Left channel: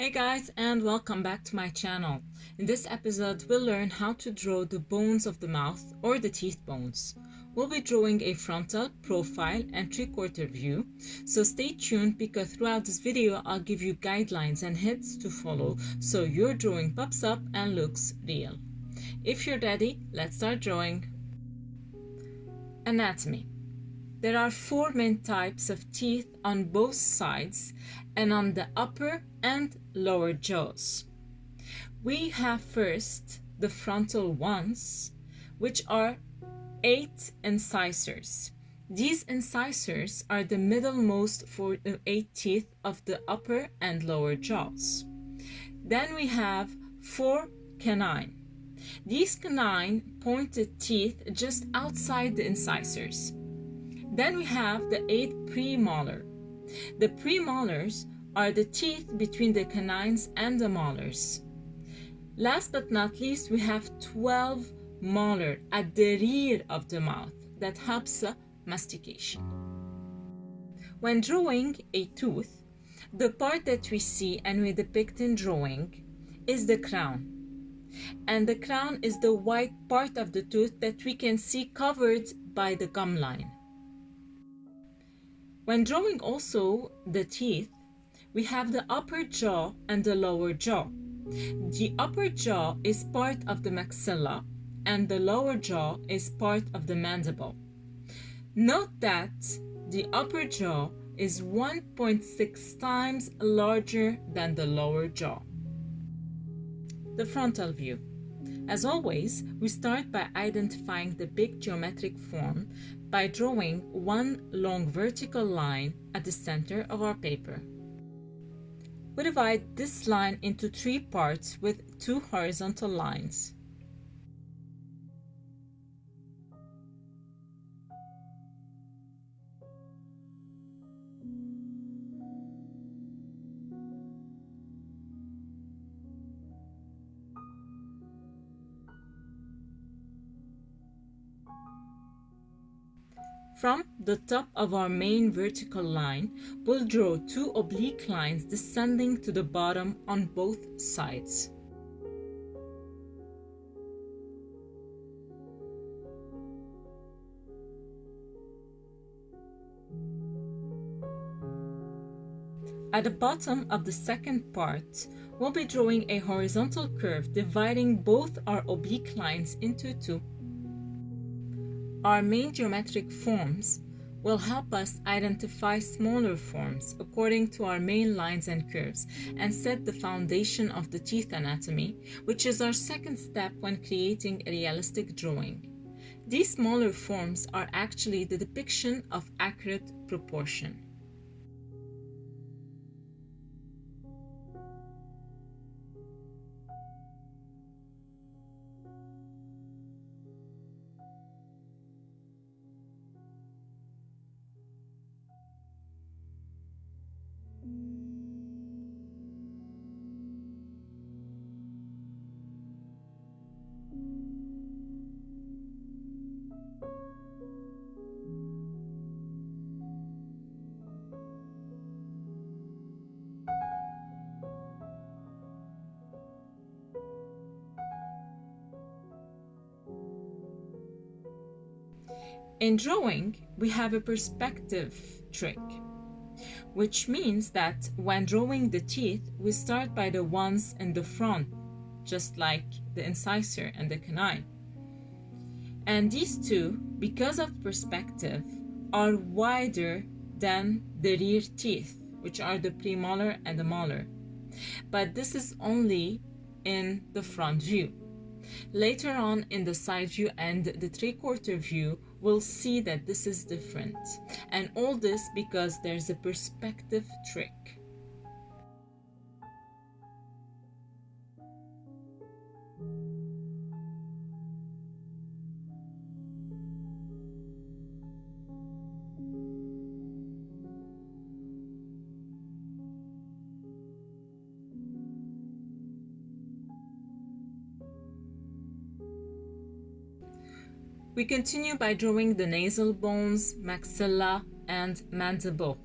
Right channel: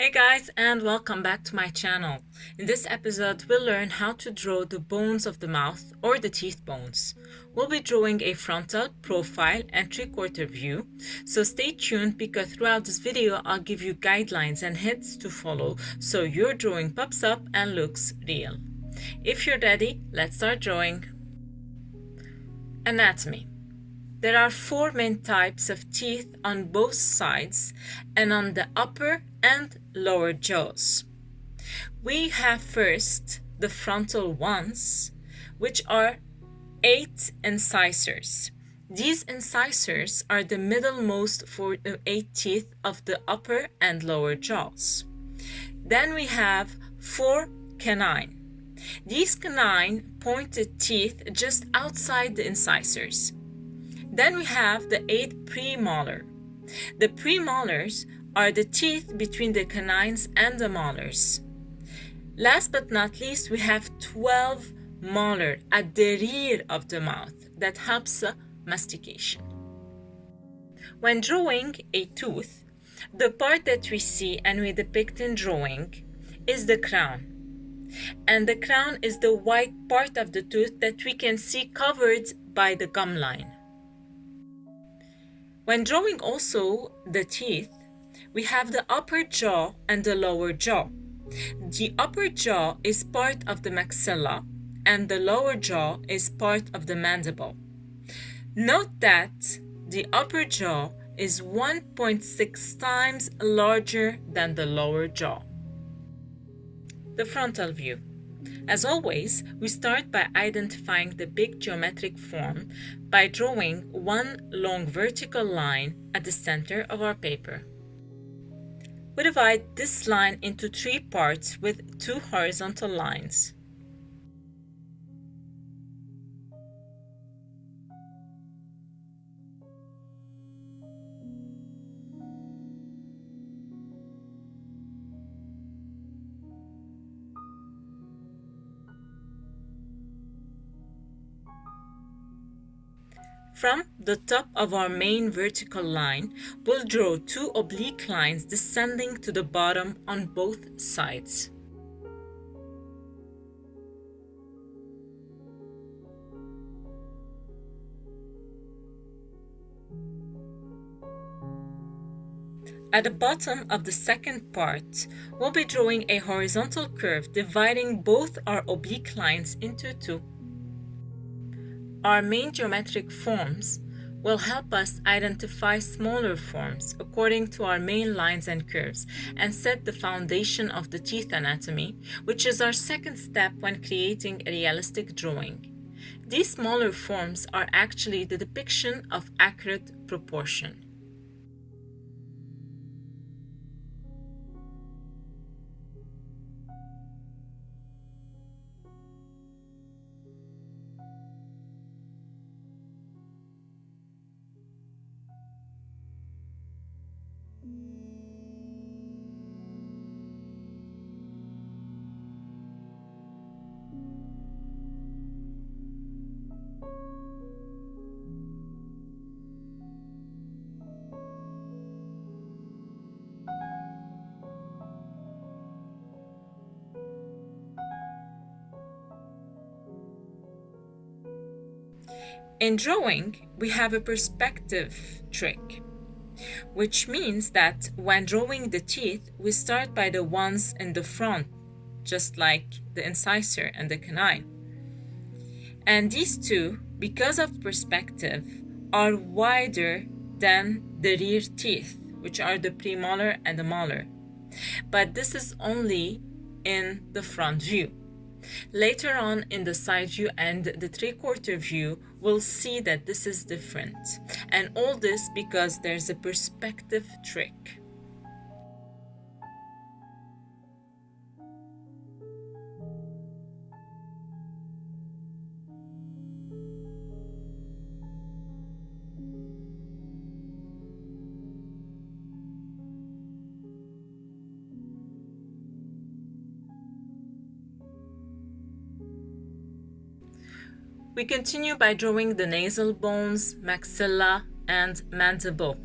Hey guys, and welcome back to my channel. In this episode, we'll learn how to draw the bones of the mouth or the teeth bones. We'll be drawing a frontal, profile, and three-quarter view, so stay tuned because throughout this video, I'll give you guidelines and hints to follow so your drawing pops up and looks real. If you're ready, let's start drawing. Anatomy. There are four main types of teeth on both sides and on the upper and lower jaws. We have first the frontal ones, which are 8 incisors. These incisors are the middlemost 8 teeth of the upper and lower jaws. Then we have 4 canine. These canine pointed teeth just outside the incisors. Then we have the 8 premolar. The premolars are the teeth between the canines and the molars. Last but not least, we have 12 molar at the rear of the mouth that helps mastication. When drawing a tooth, the part that we see and we depict in drawing is the crown. And the crown is the white part of the tooth that we can see covered by the gum line. When drawing also the teeth, we have the upper jaw and the lower jaw. The upper jaw is part of the maxilla and the lower jaw is part of the mandible. Note that the upper jaw is 1.6 times larger than the lower jaw. The frontal view. As always, we start by identifying the big geometric form by drawing one long vertical line at the center of our paper. We divide this line into 3 parts with 2 horizontal lines. From the top of our main vertical line, we'll draw 2 oblique lines descending to the bottom on both sides. At the bottom of the second part, we'll be drawing a horizontal curve dividing both our oblique lines into 2. Our main geometric forms will help us identify smaller forms according to our main lines and curves and set the foundation of the teeth anatomy, which is our second step when creating a realistic drawing. These smaller forms are actually the depiction of accurate proportion. In drawing, we have a perspective trick, which means that when drawing the teeth, we start by the ones in the front, just like the incisor and the canine. And these two, because of perspective, are wider than the rear teeth, which are the premolar and the molar. But this is only in the front view. Later on in the side view and the three-quarter view, we'll see that this is different. And all this because there's a perspective trick. We continue by drawing the nasal bones, maxilla, and mandible.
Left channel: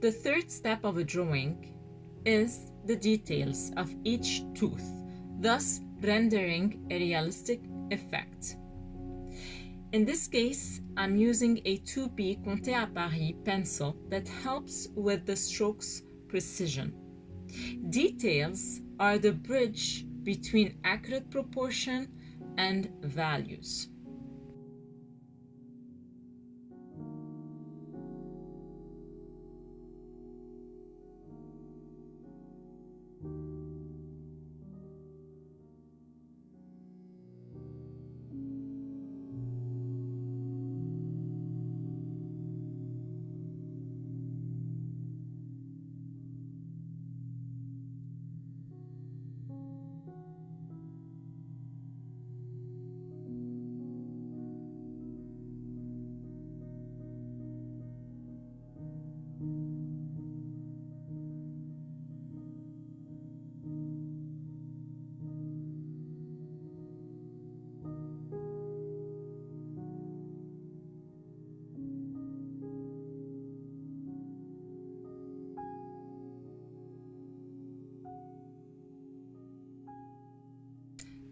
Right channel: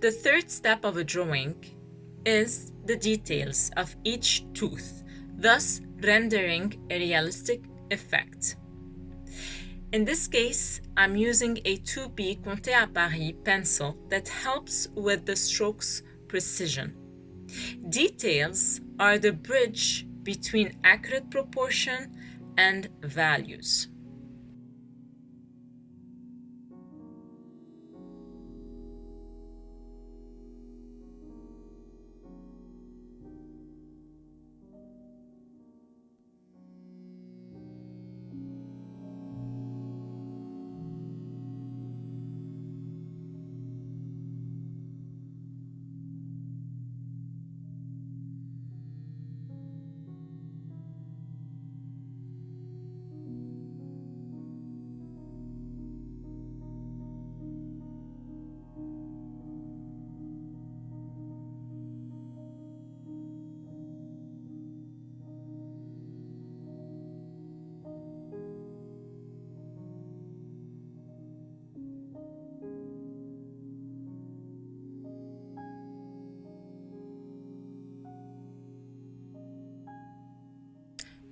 The third step of a drawing is the details of each tooth, thus rendering a realistic effect. In this case, I'm using a 2B Conté à Paris pencil that helps with the stroke's precision. Details are the bridge between accurate proportion and values.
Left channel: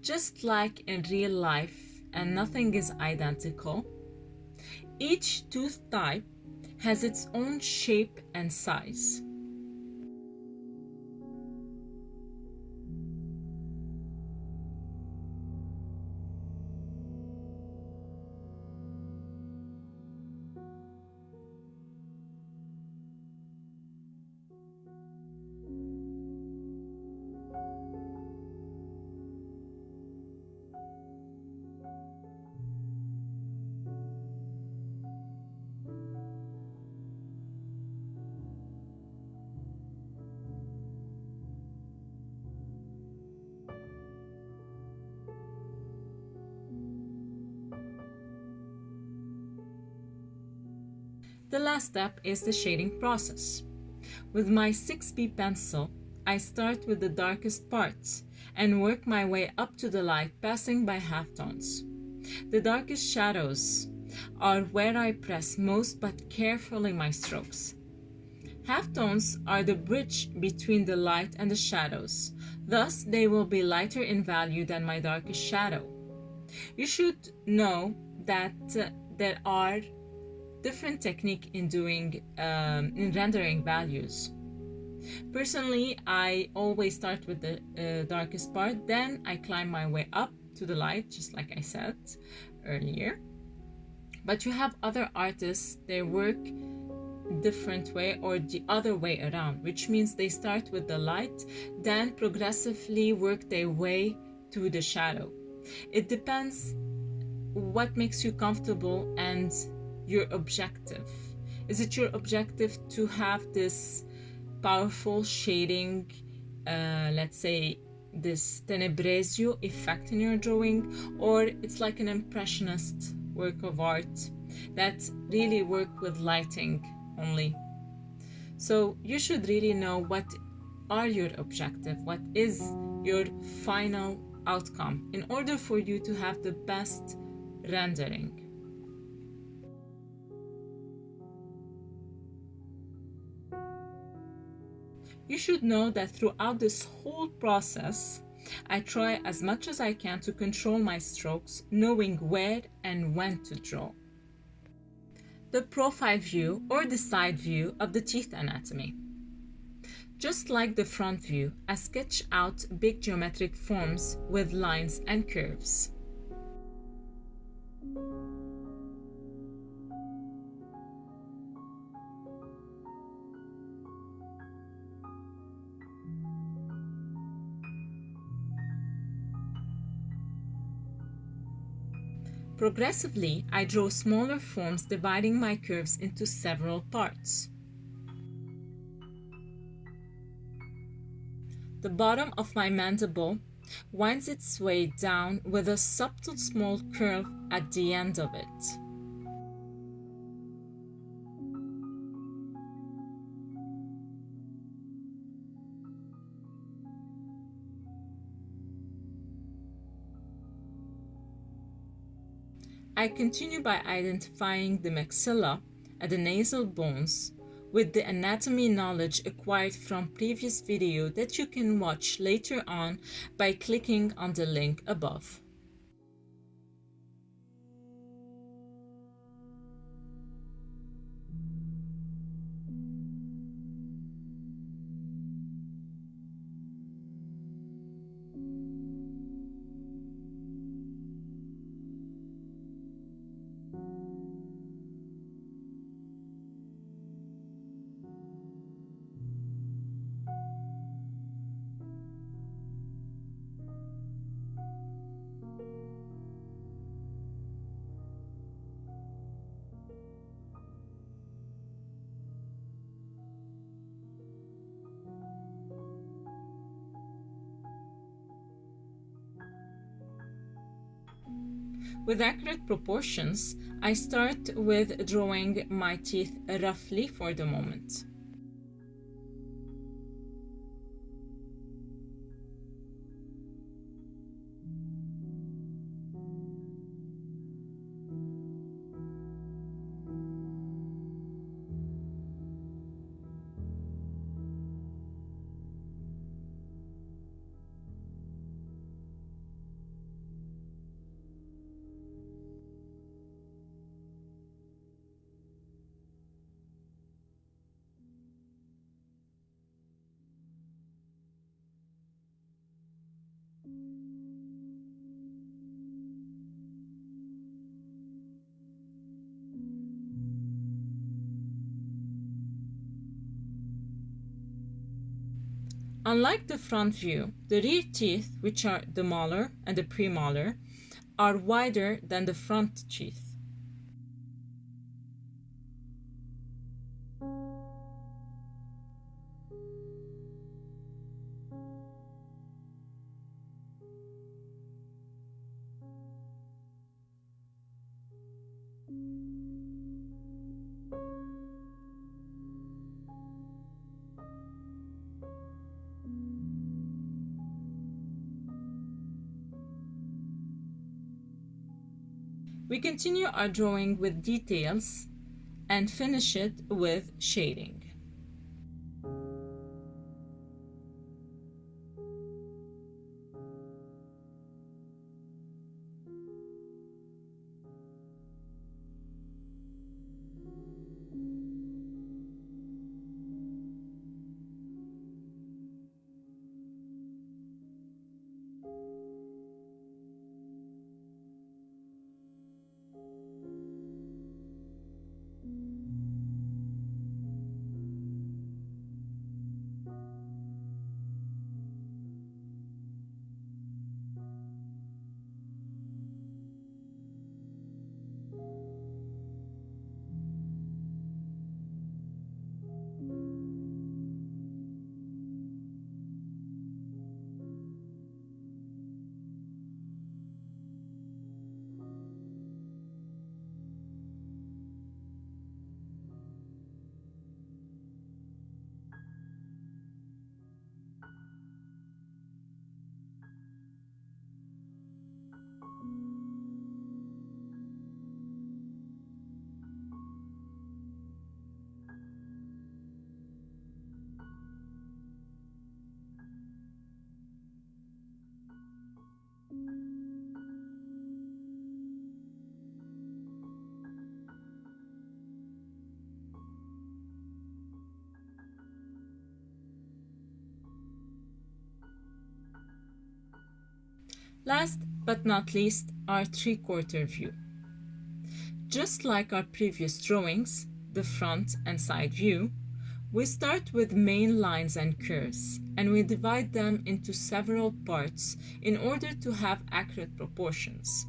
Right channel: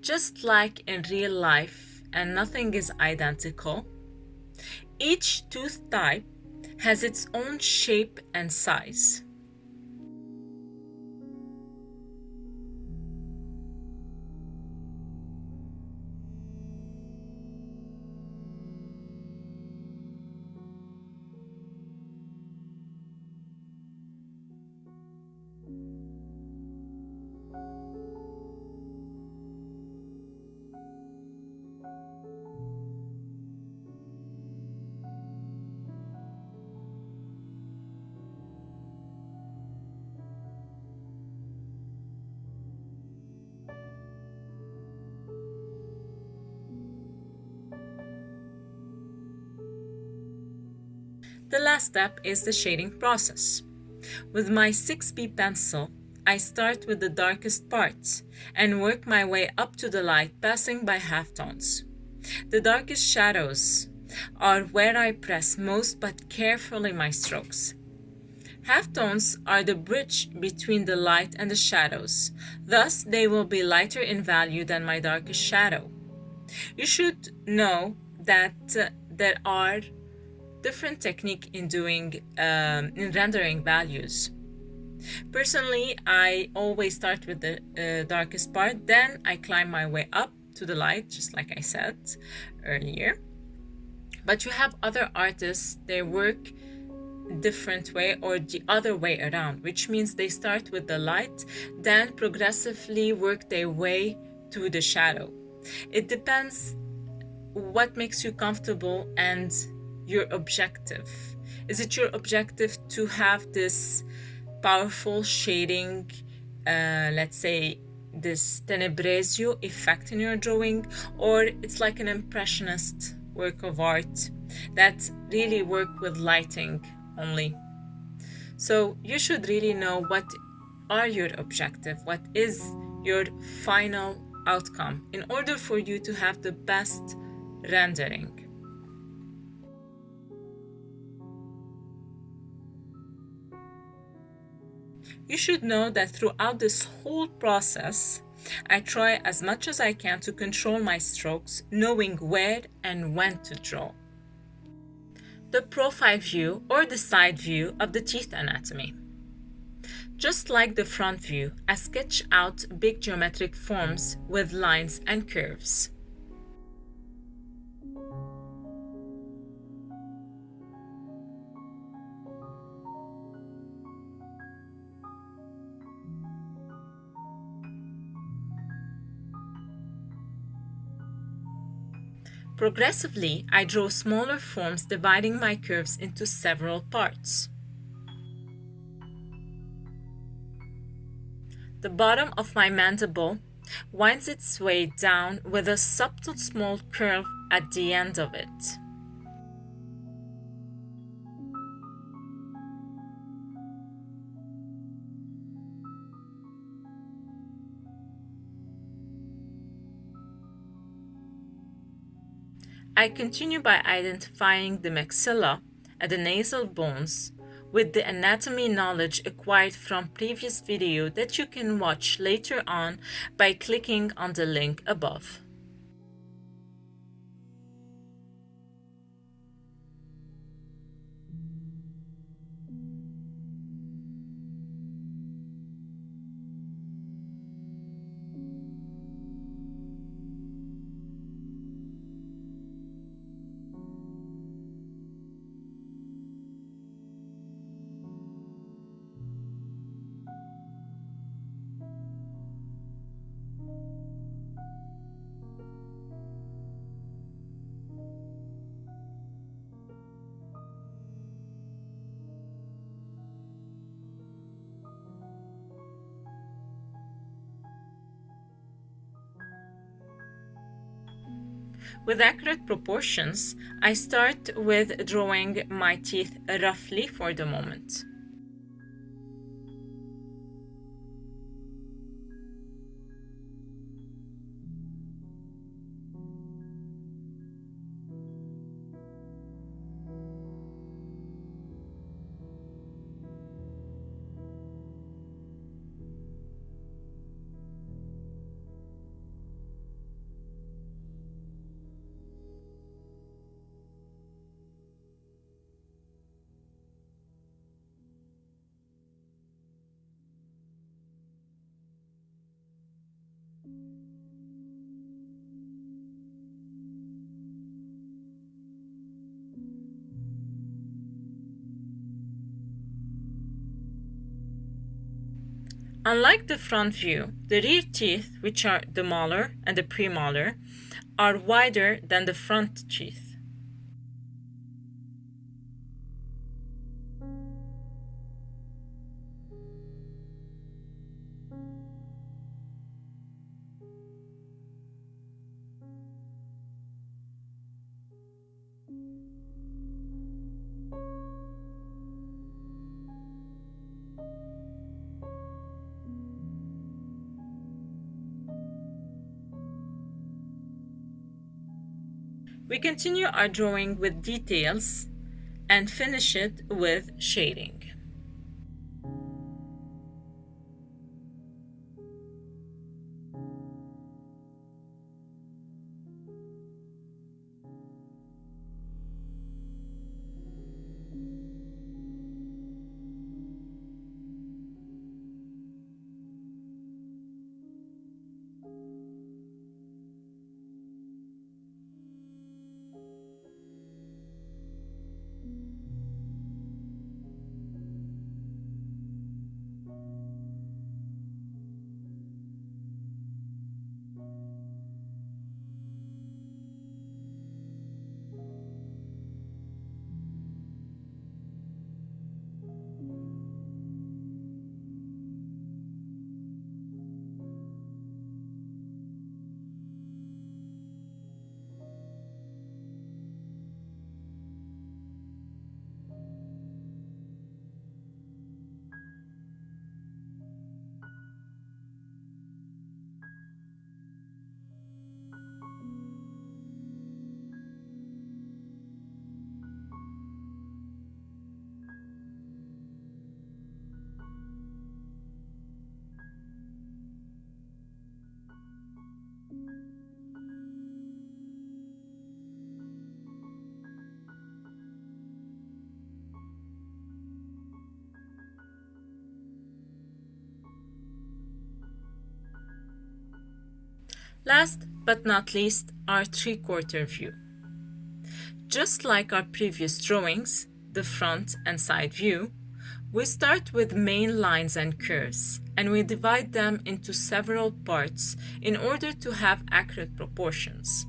Just like in real life, and nothing is identical, each tooth type has its own shape and size. The last step is the shading process. With my 6B pencil, I start with the darkest parts and work my way up to the light, passing by halftones. The darkest shadows are where I press most but carefully my strokes. Halftones are the bridge between the light and the shadows, thus they will be lighter in value than my darkest shadow. You should know that there are different technique in rendering values. Personally, I always start with the darkest part, then I climb my way up to the light, just like I said earlier. But you have other artists, they work different way or the other way around, which means they start with the light, then progressively work their way to the shadow. It depends what makes you comfortable and your objective. Is it your objective to have this powerful shading, let's say this tenebrisio effect in your drawing, or it's like an impressionist work of art that really work with lighting only? So you should really know what are your objective, what is your final outcome in order for you to have the best rendering. You should know that throughout this whole process, I try as much as I can to control my strokes, knowing where and when to draw. The profile view or the side view of the teeth anatomy. Just like the front view, I sketch out big geometric forms with lines and curves. Progressively, I draw smaller forms, dividing my curves into several parts. The bottom of my mandible winds its way down with a subtle small curve at the end of it. I continue by identifying the maxilla and the nasal bones with the anatomy knowledge acquired from previous video that you can watch later on by clicking on the link above. With accurate proportions, I start with drawing my teeth roughly for the moment. Unlike the front view, the rear teeth, which are the molar and the premolar, are wider than the front teeth. We continue our drawing with details and finish it with shading. Last but not least, our three-quarter view. Just like our previous drawings, the front and side view, we start with main lines and curves, and we divide them into several parts in order to have accurate proportions.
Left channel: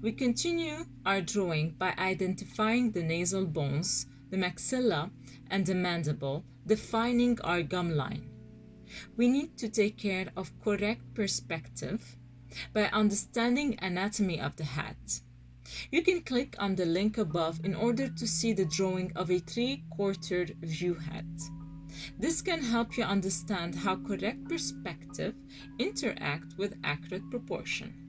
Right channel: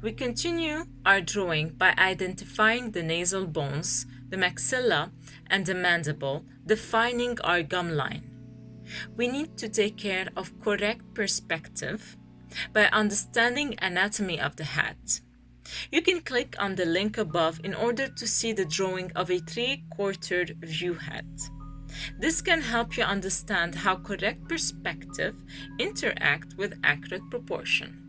We continue our drawing by identifying the nasal bones, the maxilla, and the mandible, defining our gum line. We need to take care of correct perspective by understanding anatomy of the hat. You can click on the link above in order to see the drawing of a 3/4 view hat. This can help you understand how correct perspective interact with accurate proportion.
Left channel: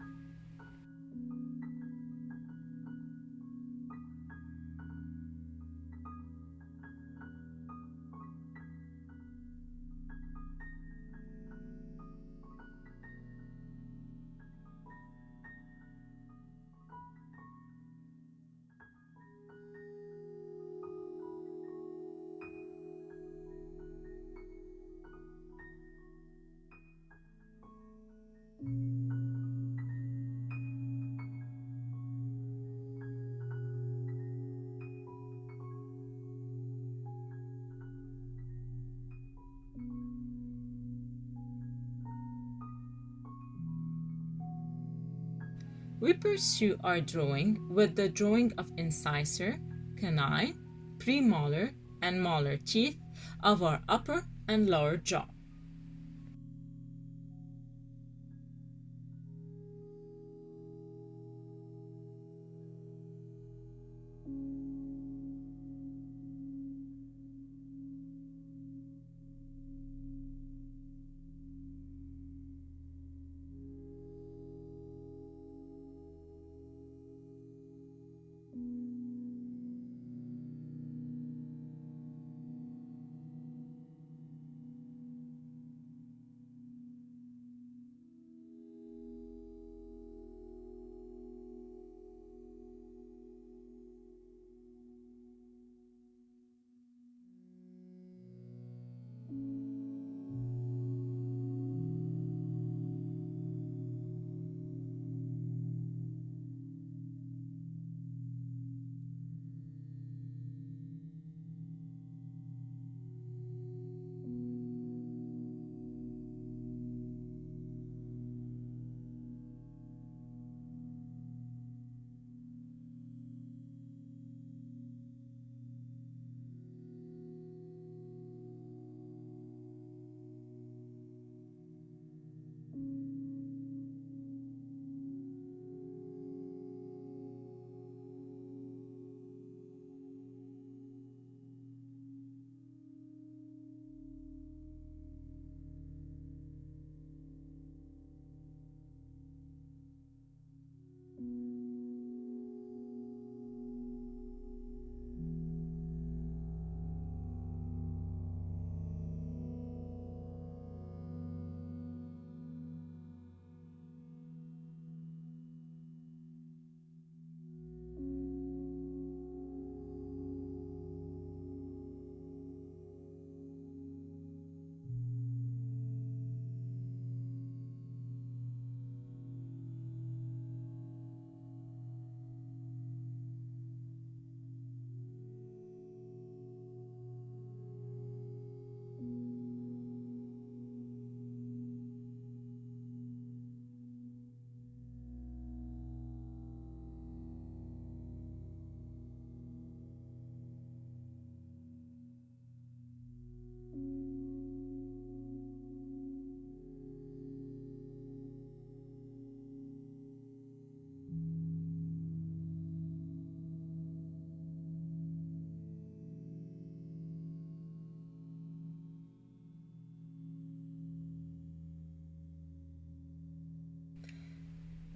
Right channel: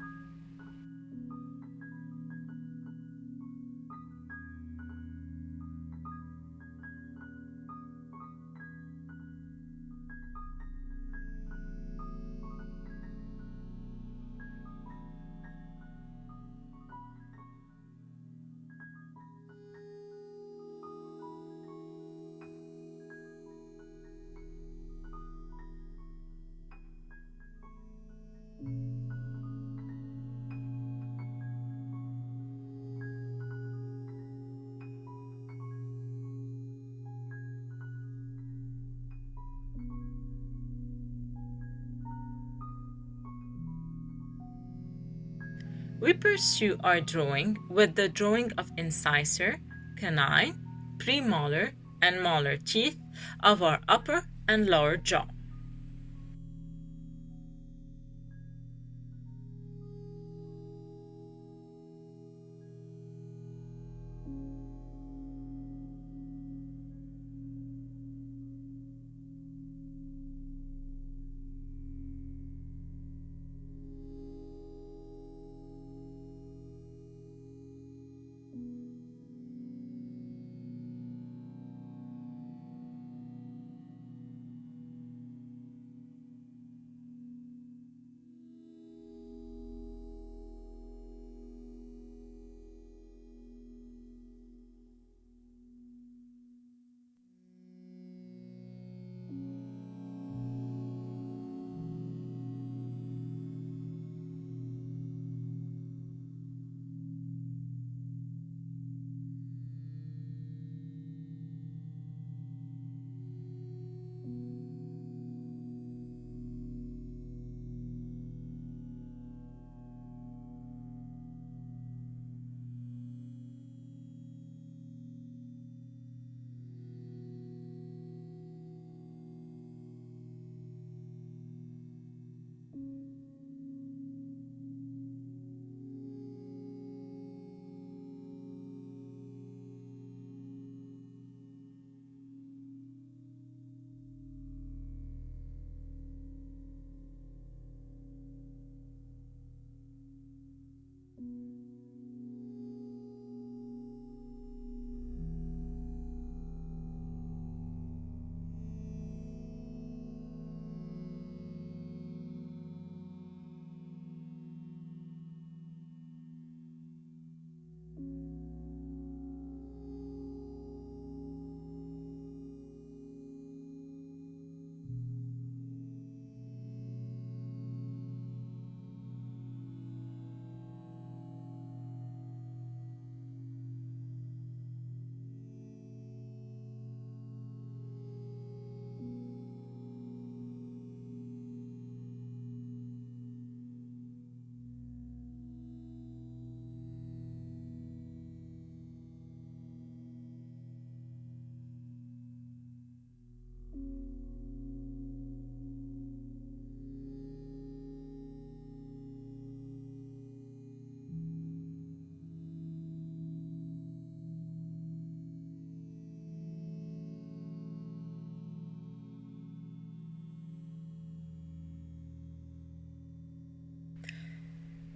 We pursue our drawing with the drawing of incisor, canine, premolar, and molar teeth of our upper and lower jaw.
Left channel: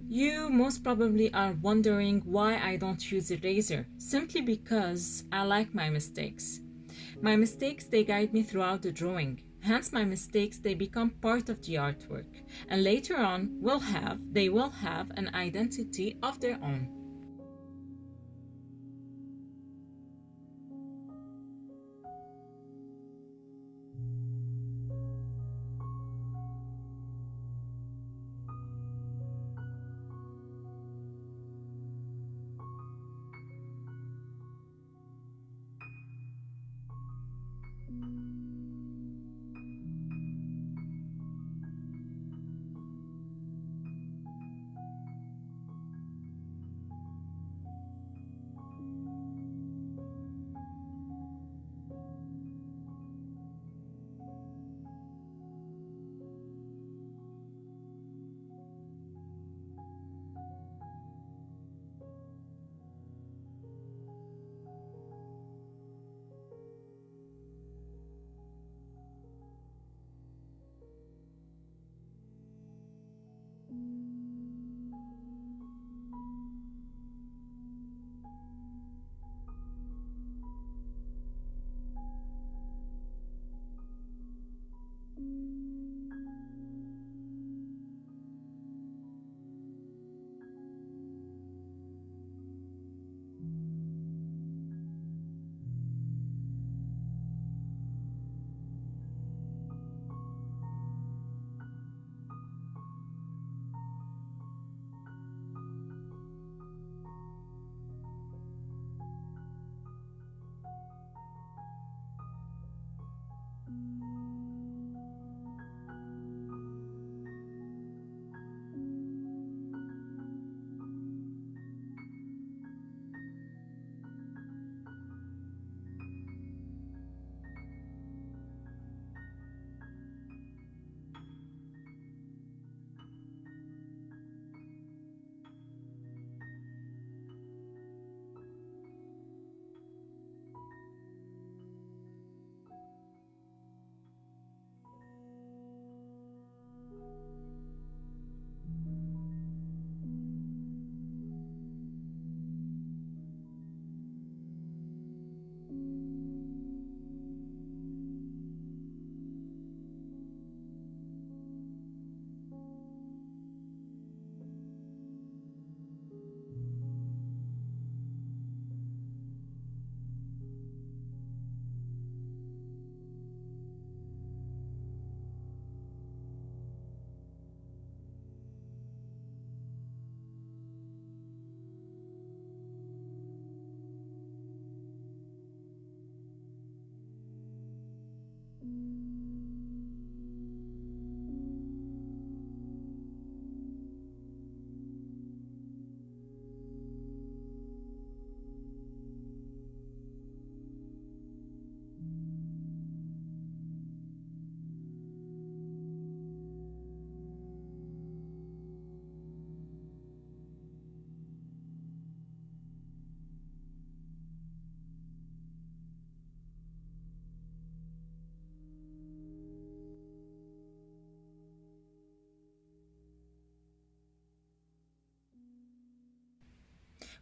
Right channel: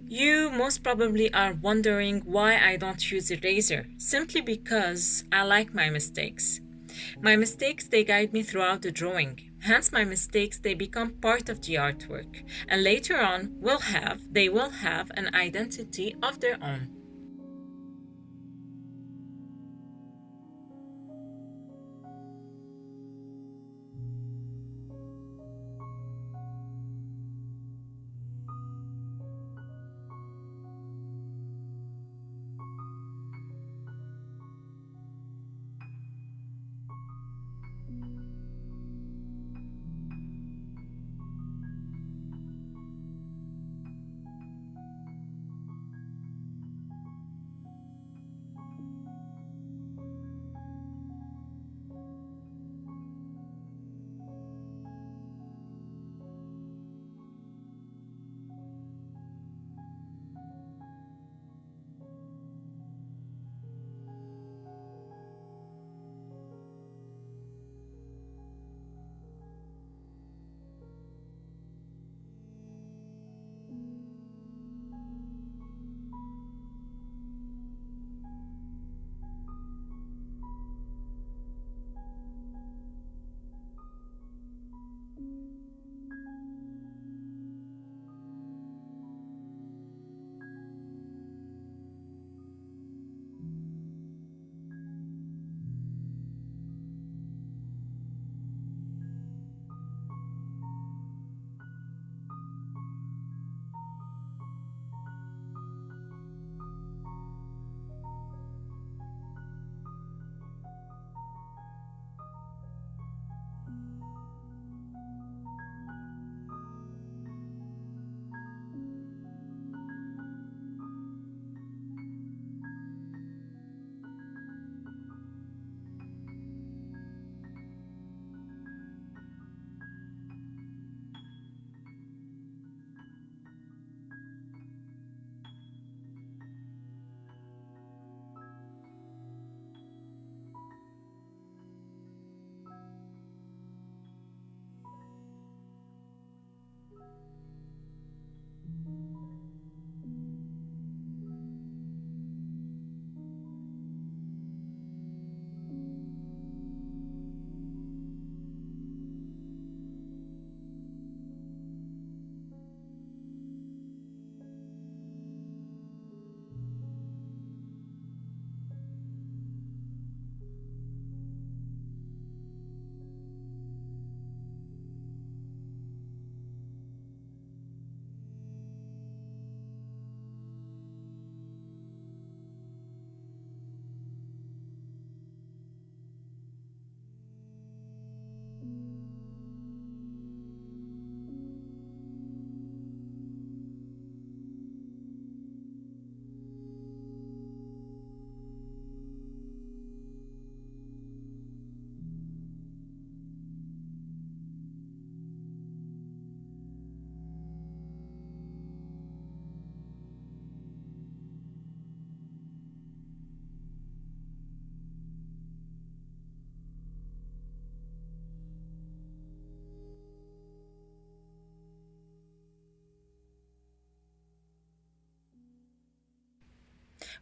You most probably are wondering why I don't use a razor, simply because I like my mistakes. My mistakes, they guide me throughout the drawing. Hence my mistakes, they become part of the artwork, and later on they will have an identity of their own.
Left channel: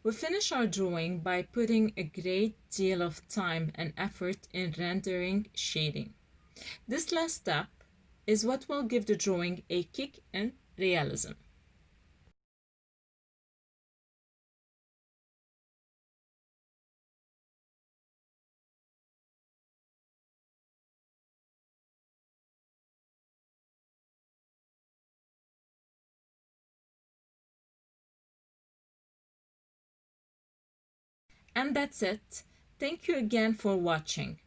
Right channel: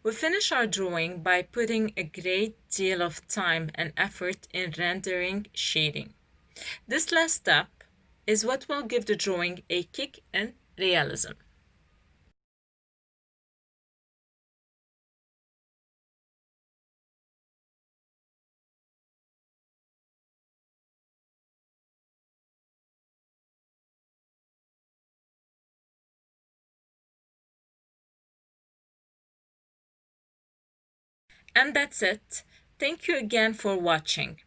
We finish our drawing by putting a great deal of time and effort in rendering shading. This last step is what will give the drawing a kick in realism. And that's it. Thank you again for watching.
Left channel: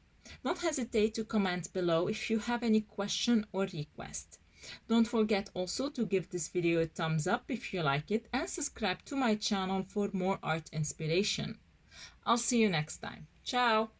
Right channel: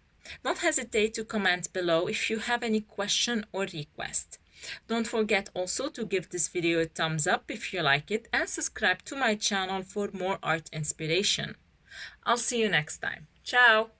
Don't hesitate to comment below if you have any question or request. Don't forget also to give this video a thumbs up if you like it and subscribe to my channel for more art inspiration. I'll see you next time. Ciao!